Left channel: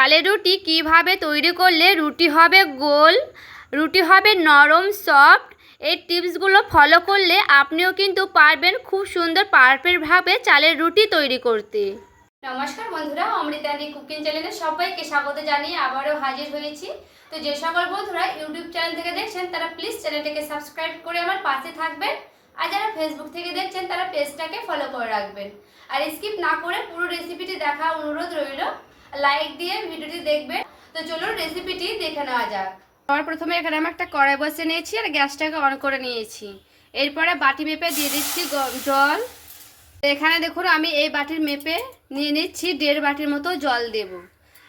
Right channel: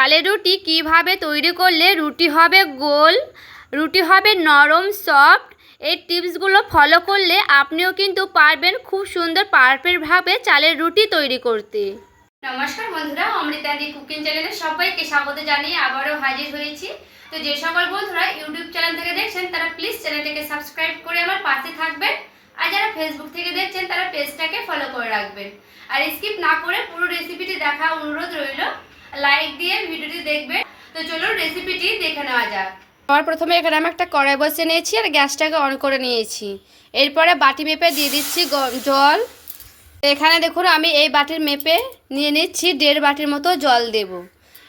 চালের রুটি কিভাবে তৈরি করলে রুটি হবে গোল, রুটি হবে নরম সফট। এই টিপসগুলো ফলো করলে আপনিও কিন্তু পারবেন খুব সুন্দর পারফেক্টভাবে চালের রুটি তৈরি করতে। নমস্কার বন্ধুরা, অমৃতাদি কুকিং চ্যানেলে সবাইকে স্বাগত জানিয়ে আবারও হাজির হয়েছি। তো যে সকল বন্ধুরা ইউটিউব চ্যানেল থেকে দেখছেন তারা প্লিজ চ্যানেলটাকে সাবস্ক্রাইব করে আমার পাশে থাকবেন, আর যারা ফেসবুক থেকে দেখছেন তারা পেজটাকে ফলো করে রাখবেন। আর স্কিপ না করে পুরো রেসিপিটি দেখা অনুরোধ রইল, লাইক দিয়ে ভিডিওটি দেখবেন। তো চলুন রেসিপিটি দেখে নেওয়া যাক। আমার প্রথমে এখানে আমি একটা কড়াই বসিয়ে নিয়েছি আর গ্যাসটাকে অন করে নিয়েছি। এরপরে বাটি মেপে দিয়ে দিচ্ছি জল। এখানে দেখুন আমি এই বাটির মেপে নিয়ে নিচ্ছি 1.5 বাটির মতো জল দেব।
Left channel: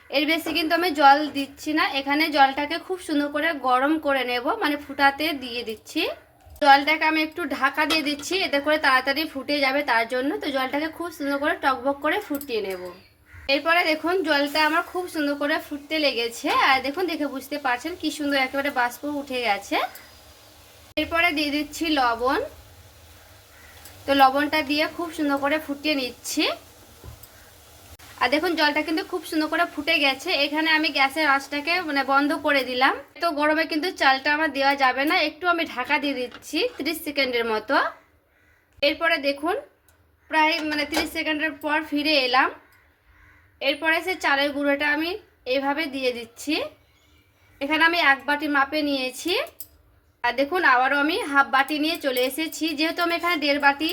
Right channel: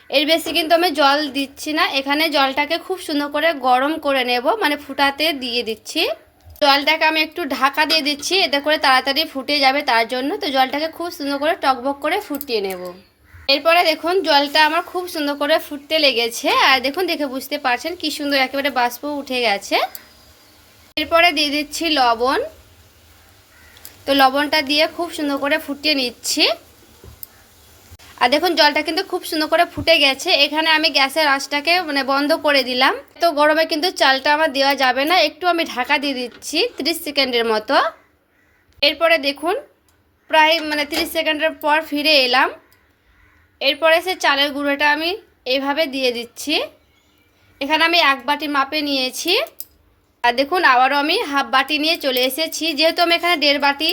এর বেশি কিন্তু আমি জল দিচ্ছি না। এখানে জলটাকে খুব সুন্দর করে গরম করে নেব, মানে ফুটাতে দিয়ে দিচ্ছি। জলটাকে আমি একটু ঢাকা দিয়ে দিচ্ছি, এতে করে তাড়াতাড়ি ফুটে যাবে তার জন্য। তো জলটাকে খুব সুন্দর করে টকবক করে ফুটিয়ে নেব। এরপরে দেখুন জলটা আমার খুব সুন্দর করে ফুটতে লেগেছে, আর দেখুন দেখে বুঝতে পারছেন কি সুন্দর একেবারে বাষ্প উঠে গেছে। এরপরে দিয়ে দিচ্ছি লবণ। তো লবণটা দিয়ে খুব সুন্দর করে ফুটিয়ে নিচ্ছি। আর দেখুন জলটা কিন্তু খুব সুন্দর করে ফুটে গেছে। এখানে আমি গ্যাসের আঁচটাকে বন্ধ করে দিলাম। তো গরমে কিন্তু চালটা আমার দেওয়া যাবে না, একটু আমি ঢাকা দিয়ে দিচ্ছি 30 সেকেন্ডের মতো। এরপরে দেখুন প্রায় 30 সেকেন্ডের পর ফিরে এলাম। এরপরে সে চালের গুঁড়োটা আমি এইভাবে দিয়ে দিচ্ছি। এখানে আমি 1 বাটি মাপে নিয়েছি, আর দেখুন আবারও আমি 1/2 বাটি নিয়ে চলে এসেছি। যেহেতু আমি এখানে 1.5 বাটি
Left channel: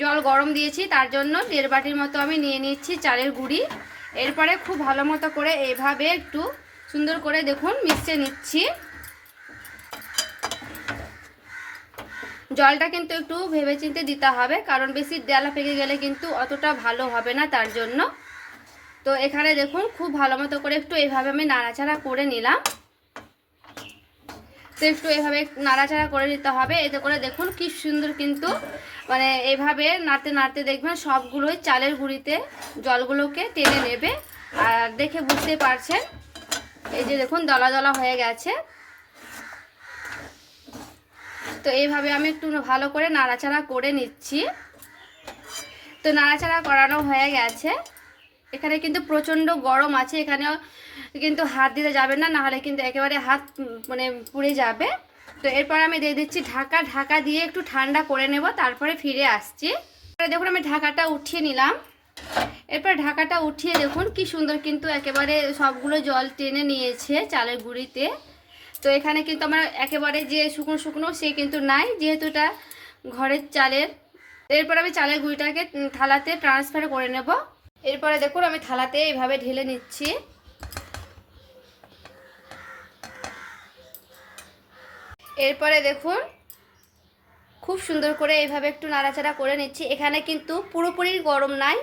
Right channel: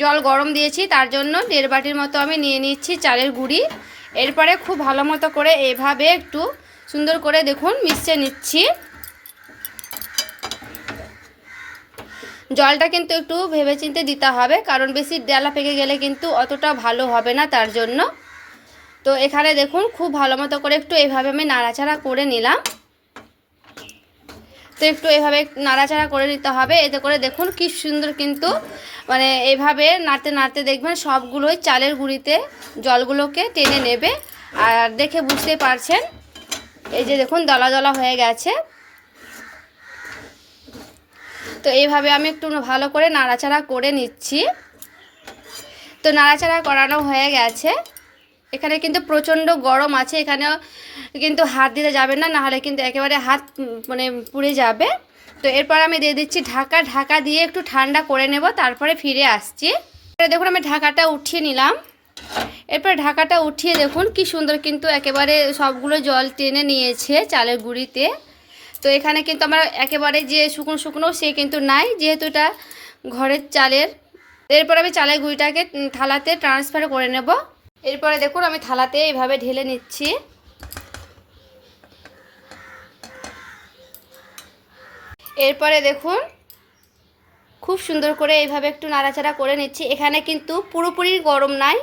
জল গরম দিয়েছি তার জন্য 1.5 বাটির মতো আমি নিয়ে নিচ্ছি চালের গুঁড়ি। এরপরে খুব ভালো মতো করে এইভাবে একটু সুন্দর করে দেখুন মিশিয়ে নিচ্ছি। জলটা কিন্তু একটু ভেবেচিন্তে দিতে হবে, কারণ বেশি ডালা পেকে গেলে কিন্তু অতটা ভালো হবে না তার জন্য। তো এখানে দেখুন খুব ভালো মতো করে একটু এইভাবে আমি নাড়াচাড়া করে নিলাম। তো একটু এভাবে নাড়াচাড়া করে নিতে হবে, এতে করে দেখুন কি সুন্দর কিন্তু এইভাবে নাড়তে নাড়তে দেখবেন সবগুলোই চালের গুঁড়িতে জলগুলোকে টেনে নেবে। আর দেখে বুঝতেই পারছেন এই যে দেখুন দলা দলা হয়ে গেছে। তো এইভাবে আমি একটু ভালো করে নাড়াচাড়া করে নিচ্ছি। তো নাড়াচাড়া করানো হয়ে গেছে। এখানে কিন্তু প্রচণ্ড গরম আছে, এখানেও কিন্তু হাত দিতে যাবে না, নাহলে কিন্তু একেবারে হাত পুড়ে যাবে। তো এরপর আমি দিয়ে দিচ্ছি ঢাকা। ঢাকা দিয়ে একটু ঠান্ডা করে নেব, তারপরে ফিরে আসছি। দেখুন আমি ঢাকাটা উঠিয়ে নিলাম। এরপর ঢাকাটা উঠিয়ে দেখুন কি সুন্দর কিন্তু একেবারে সবগুলো জল টেনে নিয়েছে চালের গুঁড়িতে। তো এখানে কিন্তু আমার একেবারে যে শুকনো শুকনো সে কিন্তু নাই, যেহেতু এটা ঘরের চালের। এরপর আমি চালের গুঁড়িটাকে থালাতে ট্রান্সফার করে নেব। এরপরে দেখুন আমি থালাতে এইভাবে ঢেলে নিচ্ছি। এরপরে দেখুন খুব সুন্দর করে এইভাবে একটু নাড়াচাড়া করে নিচ্ছি। এখানে কিন্তু পুরোপুরি গরম নাই,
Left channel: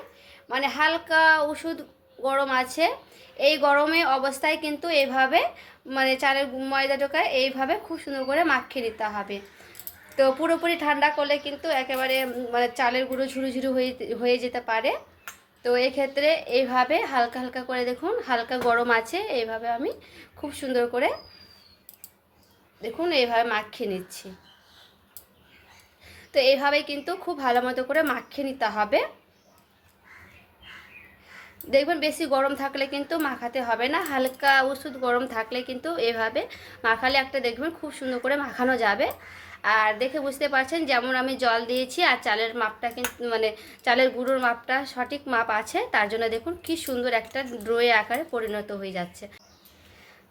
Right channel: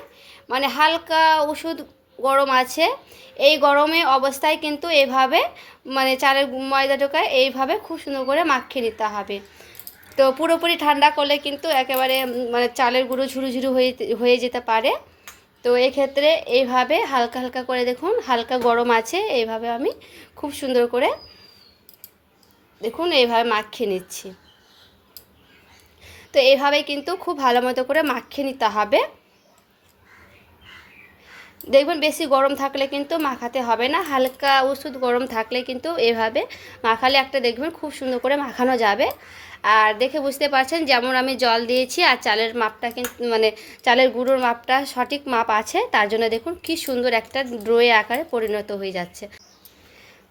হালকা ওষুধ গরম আছে। এই গরমে অবস্থায় কিন্তু এইভাবে চালের ময়দাটাকে এইভাবে খুব সুন্দর করে মাখিয়ে নিতে হবে। তো পুরোপুরি ঠান্ডা করলে কিন্তু একেবারে চালের গুঁড়ো ঝুরু ঝুরু হয়ে যেতে পারে। তো এক্ষেত্রে এইভাবে হালকা হালকা করে দেখুন হালকা গরম আছে, এইভাবে আমি খুব সুন্দর করে দেখুন এইভাবে মাখিয়ে নিচ্ছি। তো এইভাবে কিন্তু খুব ভালো মতো করে মাখিয়ে নিতে হবে। দেখবেন বেশি গরম থাকলে কিন্তু মাখাতে হবে না, হালকা ওষুধ গরম থাকলে কিন্তু এভাবে মাখালে একটা দেখবেন খুব সুন্দর করে মাখানো যাবে। আর দেখে বুঝতে পারছেন যেমন আমি জল দিয়েছি আর চালের মাপটা কিন্তু চালের গুঁড়োর মাপটা সঠিক মাপ আছে, তার জন্য দেখুন কি সুন্দর একটা ড্রোয়ে আকারে পরিণত হয়ে যাচ্ছে।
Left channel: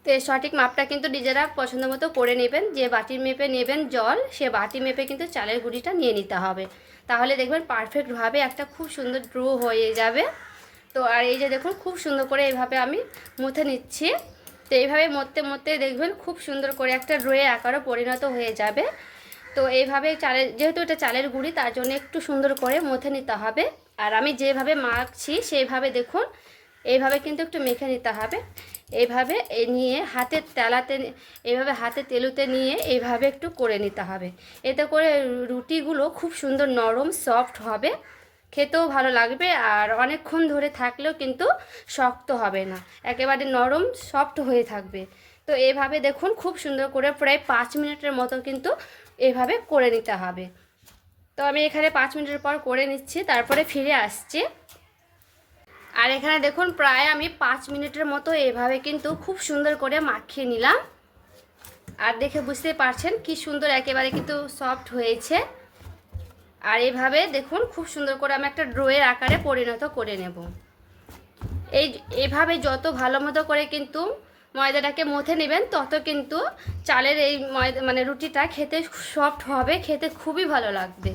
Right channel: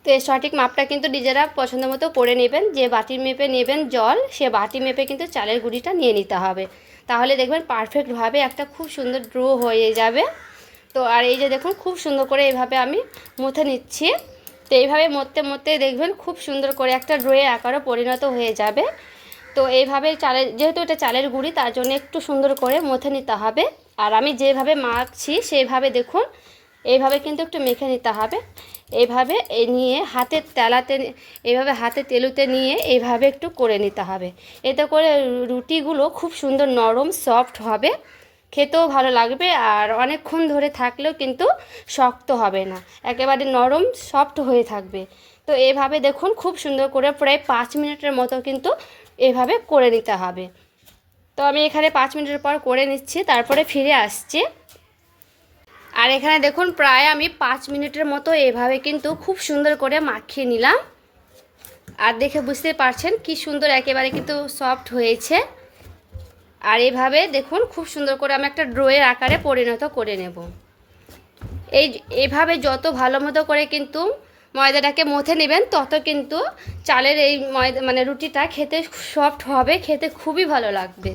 তো এই সঠিক মাপটা কিন্তু নিজেরা পছন্দ মতো করে নেবেন। যে বাটির মেপে নেবেন জল, সে বাটি মেপে কিন্তু চালের গুঁড়িটা নিয়ে নিতে হবে, তাহলে দেখবেন পারফেক্টভাবে একটা খুব সুন্দর ড্রো হয়ে যাবে। তো আর এই যে দেখুন খুব সুন্দর করে এইভাবে আমি মুথে নিচ্ছি। তো এইভাবে মধ্যে মধ্যে দেখবেন খুব সুন্দর করে একটা ড্রোয়ে আকারও পরিণত হয়ে যাবে। তো এইভাবে যেহেতু এটা চালের গুঁড়ি তার জন্য একটু সুন্দর করে মুথে নিতে হবে। আর আমি যেভাবে মাখছি সেইভাবে দেখুন এইভাবে কিন্তু একটু মেখে নিতে হবে। এইভাবে নিয়ে হাতের তেলাতে এইভাবে হাতে তেলুতে নিয়ে এইভাবে একটু করে নিতে হবে। এতে করে রুটিগুলো খুব সুন্দর নরম সফট হবে, খেতেও ভালো লাগবে, আর অনেকক্ষণ ধরে থাকলেও কিন্তু শক্ত হবে না, একেবারে নরম সফট হয়ে থাকবে। তো এইভাবে দেখুন খুব সুন্দর করে প্রায় 5 মিনিটের মতো কিন্তু এইভাবে করে নিতে হবে। তো আমি এখানে 5 মিনিটের পর করে নিচ্ছি, তারপরে ফিরে আসছি। আর এখানে দেখুন প্রায় আমি 5 মিনিটের মতো এভাবে কিন্তু খুব সুন্দর করে মাখিয়ে নিলাম। আর দেখে বুঝতে পারছেন কি সুন্দর একেবারে কিন্তু সফট হয়েছে। আর এভাবে দেখুন খুব সুন্দর করে আমি একটা ডোয়ের আকারে পরিণত করে নেব। এভাবে যত ভালো মতো করে কিন্তু ময়দাটাকে মথে নেবেন, তত কিন্তু চালের এই ময়দা মানে রুটিটা খেতে সফট হবে, খেতে খুবই ভালো লাগবে।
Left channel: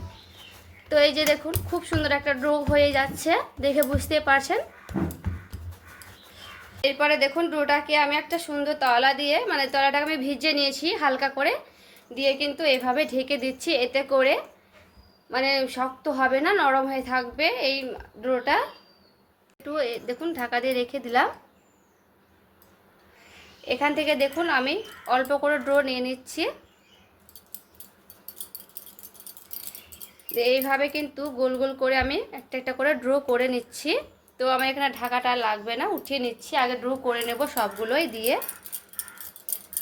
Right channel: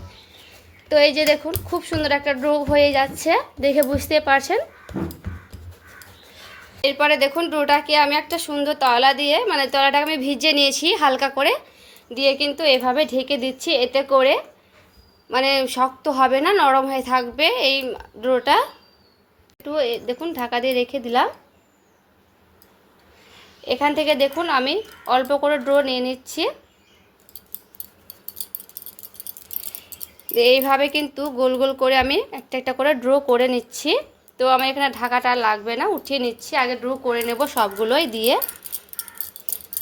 তো এই যে দেখুন খুব সুন্দর একটা ডো হয়ে যাচ্ছে, দেখে বুঝতে পারছেন। এরপরে দেখুন ডোটাকে আমি একটা সুন্দর তলা দিয়ে মানে তলাটাকে আমি ভিজিয়ে নিয়েছি হালকা করে দিয়ে কিন্তু এভাবে ঢেকে দিচ্ছি। এতে করে মানে শক্ত হবে না, নরম হয়ে থাকবে এই ডোটা। একটু দেখুন ঢাকা দিয়ে রেখে দিলাম। এখান থেকে দেখুন আমি অল্প করে ডো নিয়ে নিচ্ছি। এইভাবে কিন্তু গোল গোল করে আমি একটা একটা করে ড্র করে নিচ্ছি। তো আমার এখানে ঢাকাটা লাগবে না, উঠিয়ে নিচ্ছি। আগে ড্র করে নেব সবগুলোই দিয়ে।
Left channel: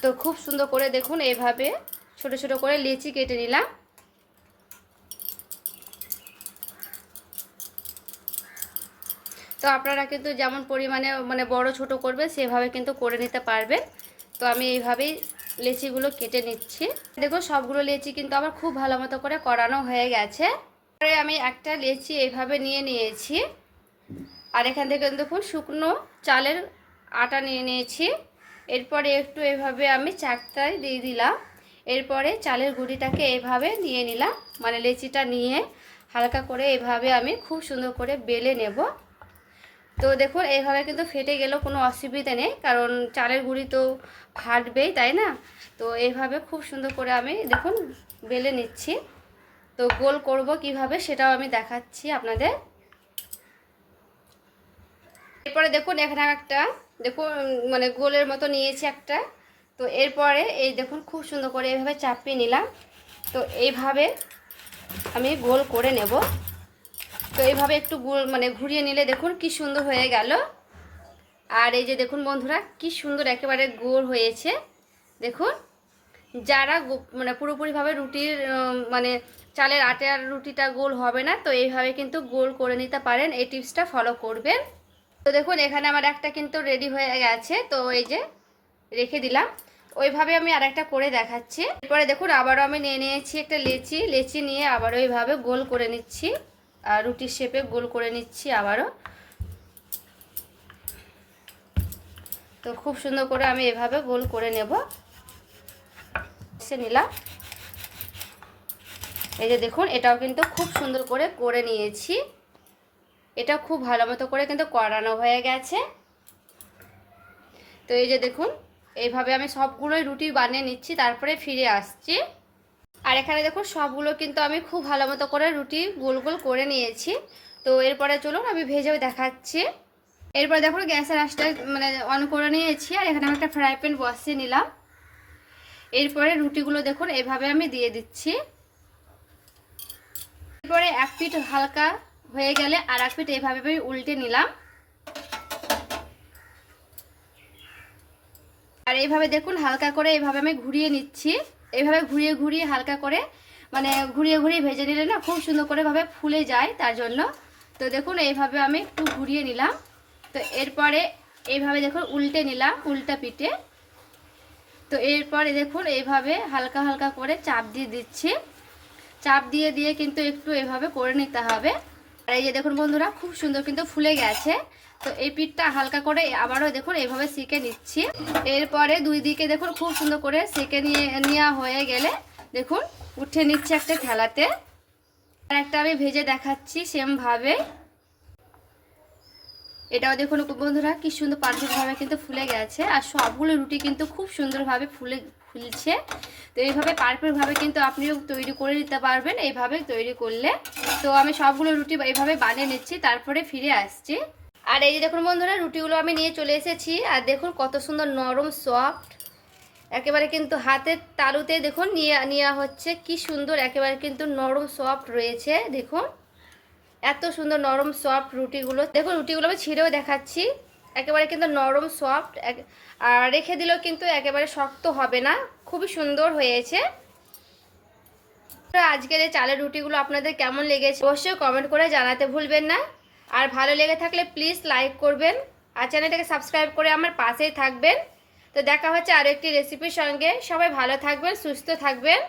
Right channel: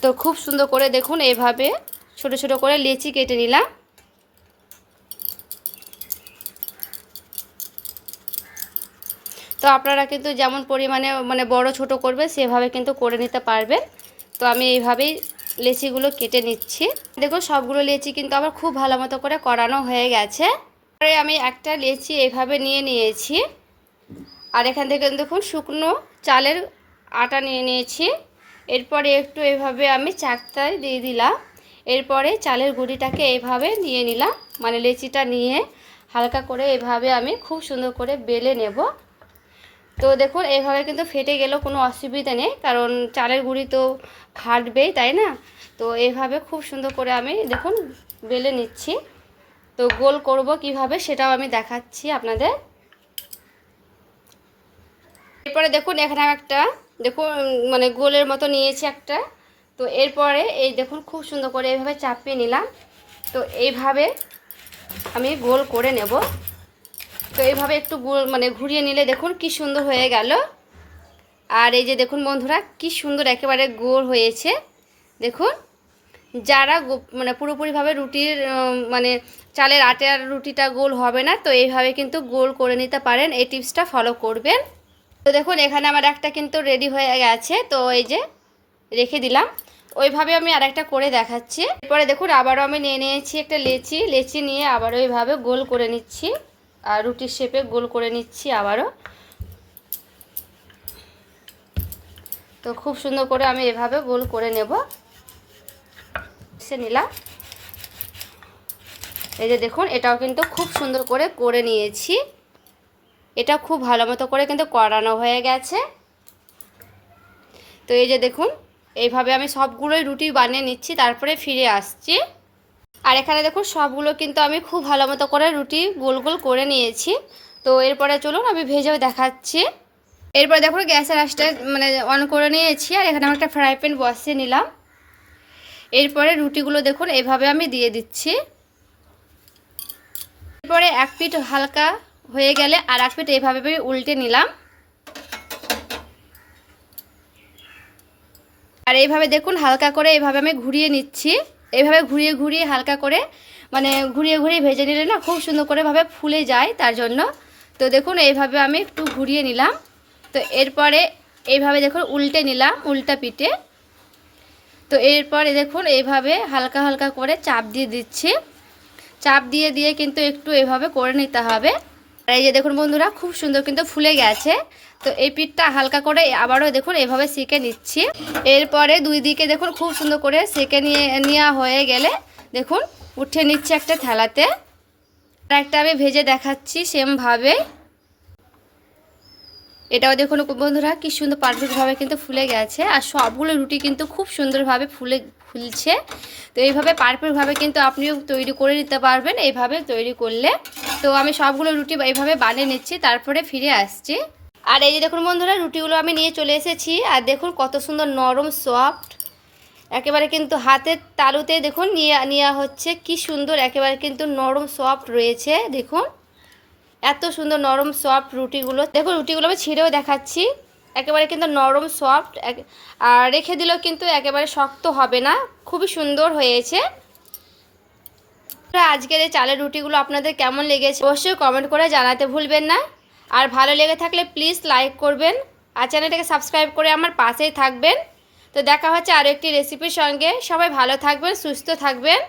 তো খুব সুন্দর করে দেখুন এইভাবে ছোট ছোট করে লেচি কেটে নিলাম। তো আপনারা কিন্তু যেমন পরিমাণে মানে বড় ছোট করবে সেভাবে কিন্তু করে নিতে পারবেন। তো আমি এইভাবেই লেচিগুলো কেটে নিচ্ছি। দেখুন সবগুলো লেচি কিন্তু আমার খুব ভালো মতো করে করানো হয়ে গেছে। পরে আমি একটা লেচি এইভাবে নিয়ে নিয়েছি। আর এখান থেকে দেখুন শুকনো চালের আটা নিয়ে নিয়েছি। এরপরে একটু এইভাবে আমি চাকতায় দিয়ে দিলাম। এরপরে চালের গুঁড়িটাকে এইভাবে নিয়ে নিলাম, মানে লেচিটা নিয়ে হালকা করে এইভাবে আমি খুব সুন্দর করে বেলে নেব। তো দেখুন এইভাবে কিন্তু ফেটে গেলেও কোনো অসুবিধা নেই, কারণ চালের গুঁড়ি তো ফাটবেই, তাই না? তো এইভাবে খুব সুন্দর করে আমি দেখুন বেলে নিচ্ছি। তো গোল করব কিভাবে সেটাও আমি দেখাচ্ছি আপনাদের। এরপরে দেখুন এখানে একটা দেখুন মানে গোলের মতো নিয়েছি একটা। তো এরপরে এই দেখুন খুব সুন্দর করে এইভাবে চাপিয়ে নিলাম। তো এইভাবে আমি গোল করে নেব। তো এইভাবে একটু গোল মানে ঘুরিয়ে নিলে দেখুন কি সুন্দর হয়ে গেল। আর এই যে দেখুন বন্ধুরা কি সুন্দর একেবারে গোল হয়েছে। দেখুন যারা মানে পুরোপুরিভাবে রুটির মানে চালের আটার রুটিটা গোল হবে না, তো এইভাবে কিন্তু গোল করে নিতে পারেন, এই টিপসটা ফলো করবেন। তো দেখুন এখানে আমার একটা কিন্তু রেডি হয়ে গেছে। তো এই যে রেখে দিলাম। ওইভাবে আমি আরেকটা করে দেখাচ্ছি। এরপরে দেখুন আবারও আমি নিয়ে নিয়েছি একটা লেচি নিয়ে আবারও এইভাবে গোল করে নিচ্ছি। আর রুটির শেপে গোল করে নিচ্ছি আবারও। তো খুব সুন্দর করে আমি এভাবে গোল করে নেব। সে নিলাম। এই যে দেখুন এটাও কিন্তু খুব সুন্দর করে নিয়েছি। এটা খুব ভালো মতো করে কিন্তু করানো হয়ে গেছে। তো এই যে দেখুন এইভাবে আমি সবগুলোই রুটি বানিয়ে নিচ্ছি, তারপরে ফিরে আসছি। আর এখানে দেখুন সবগুলো কিন্তু আমি খুব ভালো মতো করে রুটি গোল গোল করে নিয়েছি। তো এরপরে চলুন আমি ভেজেও দেখাচ্ছি। এরপরে দেখুন গ্যাসের আঁচটা মানে অন করে নিয়েছি। আর এখানে আমি একটা ফ্রাই প্যান বসিয়ে নিলাম। এরপরে রুটিগুলো দেখুন এভাবে আমি দিয়ে দিচ্ছি। এরপরে এক পিঠ হালকা হয়ে গেলে আর এক পিঠ এইভাবে আমি উল্টে নিলাম। আর এইভাবে দেখুন হালকা করে এইভাবে আমি ঘুরিয়ে নিচ্ছি। এইভাবে ঘুরিয়ে ঘুরিয়ে হালকা করে মানে ঘুরিয়ে ঘুরিয়ে ভেজে নিলে না খুব সুন্দর করে ভাবে ফুলে যায়, তার জন্য। তো দেখুন এইভাবে আমি একটু ঘুরিয়ে নিলাম। তো এরপরে এইভাবে দেখুন উল্টে নিলাম উল্টা পিঠে। তো এরপরে দেখুন এইভাবে হালকা হালকা করে চাপ দিয়ে দিচ্ছি। চাপ দিয়ে দিয়ে কিন্তু একটু এভাবে করে নিতে হবে। আর এই যে দেখুন বন্ধুরা খুব সুন্দর কিন্তু ফুলে গেছে। তো এই পিঠটা হালকা করে আবারও দেখুন এভাবে সেঁকে নিচ্ছি। এরপরে দুই দিকে দেখুন খুব সুন্দর করে সেঁকে নেওয়া হয়ে গেলে দেখুন উঠে নিচ্ছি একটা থালাতে। আর একটা আমি ভেজে দেখাচ্ছি সেমভাবে। এটাও দেখুন বন্ধুরা কি সুন্দর পারফেক্টভাবে কিন্তু ফুলে গেছে। আর সবগুলো রুটি কিন্তু খুব সুন্দরভাবে ফুলছে। তো এইভাবে পারফেক্টভাবে কিন্তু আপনিও তৈরি করে নিতে পারবেন এইভাবে তৈরি করলে। তো আমি সবগুলো রুটি এইভাবে বানিয়ে নিচ্ছি, তারপরে ফিরে আসছি। আর এই যে দেখুন বন্ধুরা রুটিগুলো আমি নিয়ে চলে এসেছি। আর দেখুন কত সুন্দর নরম সফট, একেবারে কিন্তু হাতের তালুতে দেখুন নেওয়া হচ্ছে কি সুন্দর একেবারে কিন্তু নরম সফট রয়েছে। দেখুন এত সুন্দর নরম সফট রুটিগুলো। দেখুন রুটিগুলো আমি ছিঁড়েও দেখাচ্ছি, একেবারে কিন্তু নরম সফট। আর রেখে দিলেও কিন্তু একেবারে শক্ত হবে না, খুবই সুন্দর হয়েছে। আজকের এই চালের রুটিগুলো আপনাদের কেমন লেগেছে অবশ্যই কমেন্ট করে জানাতে ভুলবেন না। আর ভালো লেগে থাকলে প্লিজ লাইক করবেন আর চ্যানেলটাকে সাবস্ক্রাইব করে আমার পাশেই থাকবেন। তো দেখা হচ্ছে আরও একটি রেসিপির সঙ্গে। সবাই ভালো থাকবেন, সুস্থ থাকবেন।